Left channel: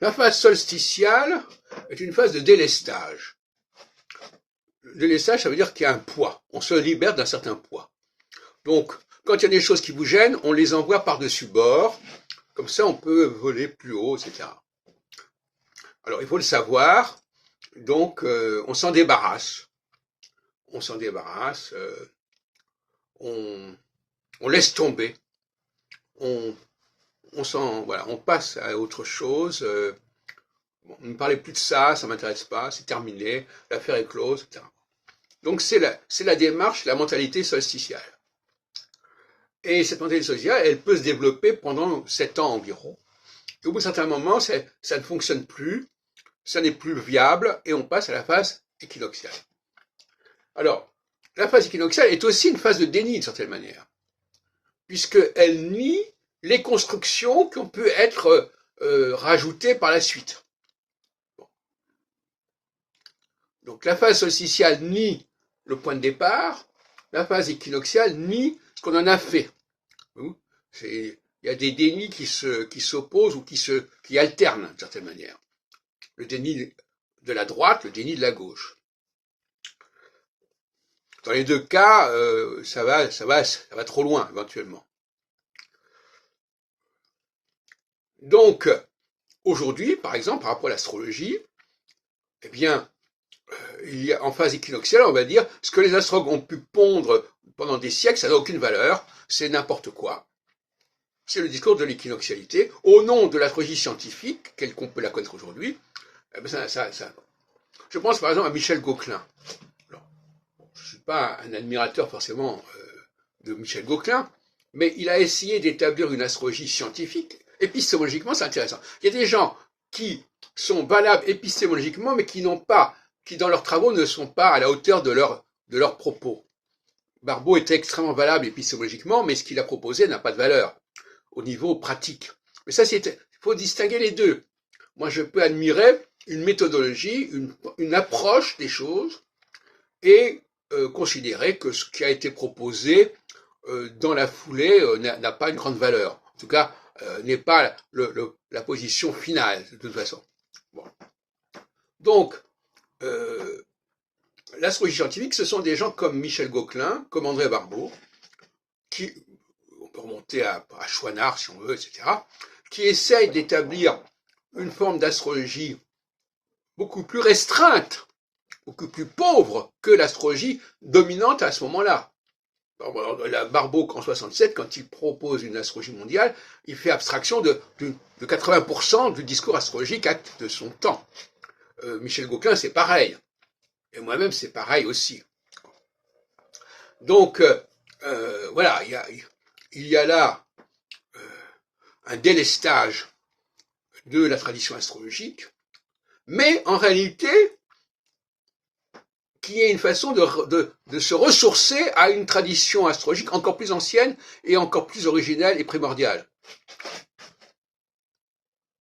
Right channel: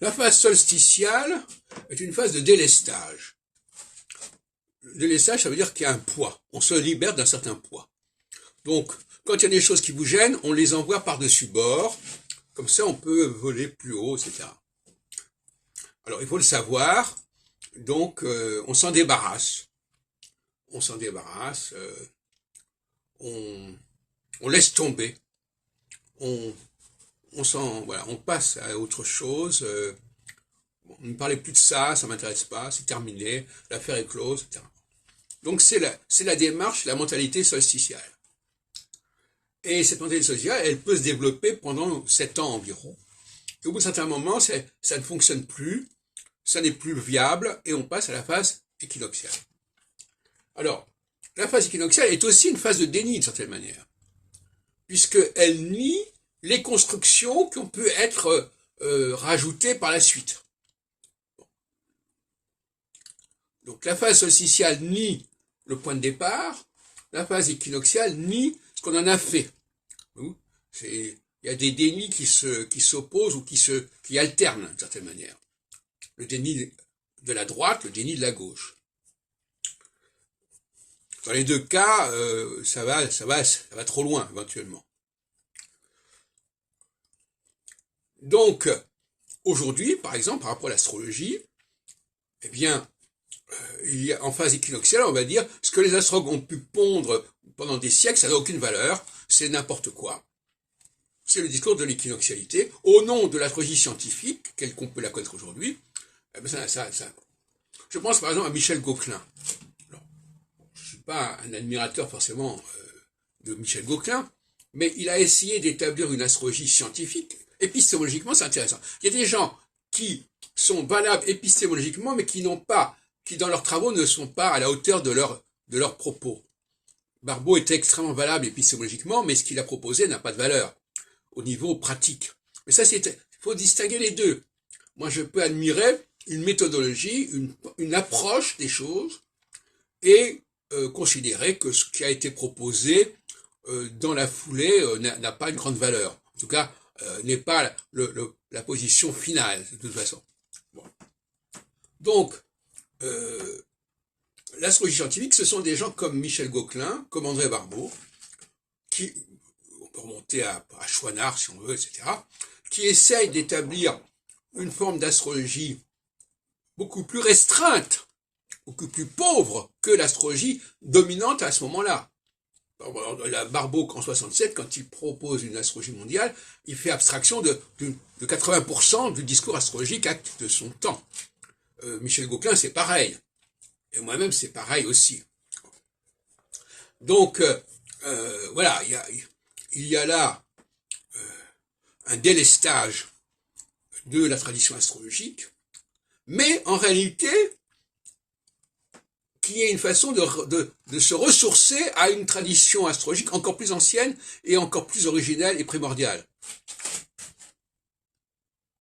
La phase solsticiale est une phase de délestage. Le délestage, ça veut dire qu'il y a un poids. On se libère d'un certain poids. Donc, quand il y a des choses qui vous gênent, on les envoie par-dessus bord. Comme ça, on peut voler plus haut, etc. Alors, il faut le savoir. Donc, on s'en débarrasse. On s'en débarrasse. On laisse tomber. Voilà, on passe à autre chose. Bon, ne parlez plus de ça, ça m'intéresse pas, c'est terminé, l'affaire est close, etc. Donc c'est la démarche, la mentalité solsticiale. Et cette mentalité solsticiale, elle peut se développer pendant 7 ans environ. Et au bout d'un certain moment, ça ne fonctionne plus, ça n'est plus viable, et on passe à la phase équinoxiale. Alors, la phase équinoxiale est aussi une phase de déni d'une certaine manière, puisqu'elle nie les constructions qui ont pu être rajoutées par la suite. Donc la phase solsticiale nie le point de départ, la phase équinoxiale nie ce qu'on en a fait. Il y a des dénis qui s'opposent ou qui alternent d'une certaine manière. Le déni de la droite, le déni de la gauche. Dans les deux cas, ça va trop loin éventuellement. Donc, aujourd'hui, par exemple, par rapport à l'astrologie, eh bien, il y a, en phase équinoxiale, on va dire, ce que les astrologues ont pu pondre pendant des siècles, ça n'a aucune valeur, c'est n'importe quoi. C'est le discours de l'équinoxialité, au nom de l'astrologie scientifique, telle qu'on peut la connaître aujourd'hui. Eh bien, je pense par exemple à Michel Gauquelin. Alors, je ne suis pas un admirateur forcément de Michel Gauquelin, mais il a essayé d'établir une astrologie scientifique. Épistémologiquement, c'est intéressant. Il y a des gens qui sont valables épistémologiquement, mais qui dans leurs travaux ne sont pas à la hauteur de leurs propos. Barbault était extrêmement valable épistémologiquement, mais ce qu'il a proposé n'a pas de valeur au niveau pratique. Mais ça, il faut distinguer les deux. Moi, je peux admirer une méthodologie, une approche des choses, et considérer que ce qui a été proposé dans la foulée n'a pas une grande valeur. En tout cas, n'est pas la position finale, de toute façon. Bon. Donc, l'astrologie scientifique, ce sont des gens comme Michel Gauquelin, comme André Barbault, qui, on peut remonter à Chouinard si on veut, etc., qui essayent d'établir une forme d'astrologie beaucoup plus restreinte, beaucoup plus pauvre que l'astrologie dominante à ce moment-là. Barbault, en 67, quand il propose une astrologie mondiale, il fait abstraction de 80% du discours astrologique de son temps. Michel Gauquelin, c'est pareil. Et moi-même, c'est pareil aussi. Donc, voilà, il y a là un délestage de la tradition astrologique, mais en réalité, qui est une façon de se ressourcer à une tradition astrologique encore plus ancienne et encore plus originelle et primordiale.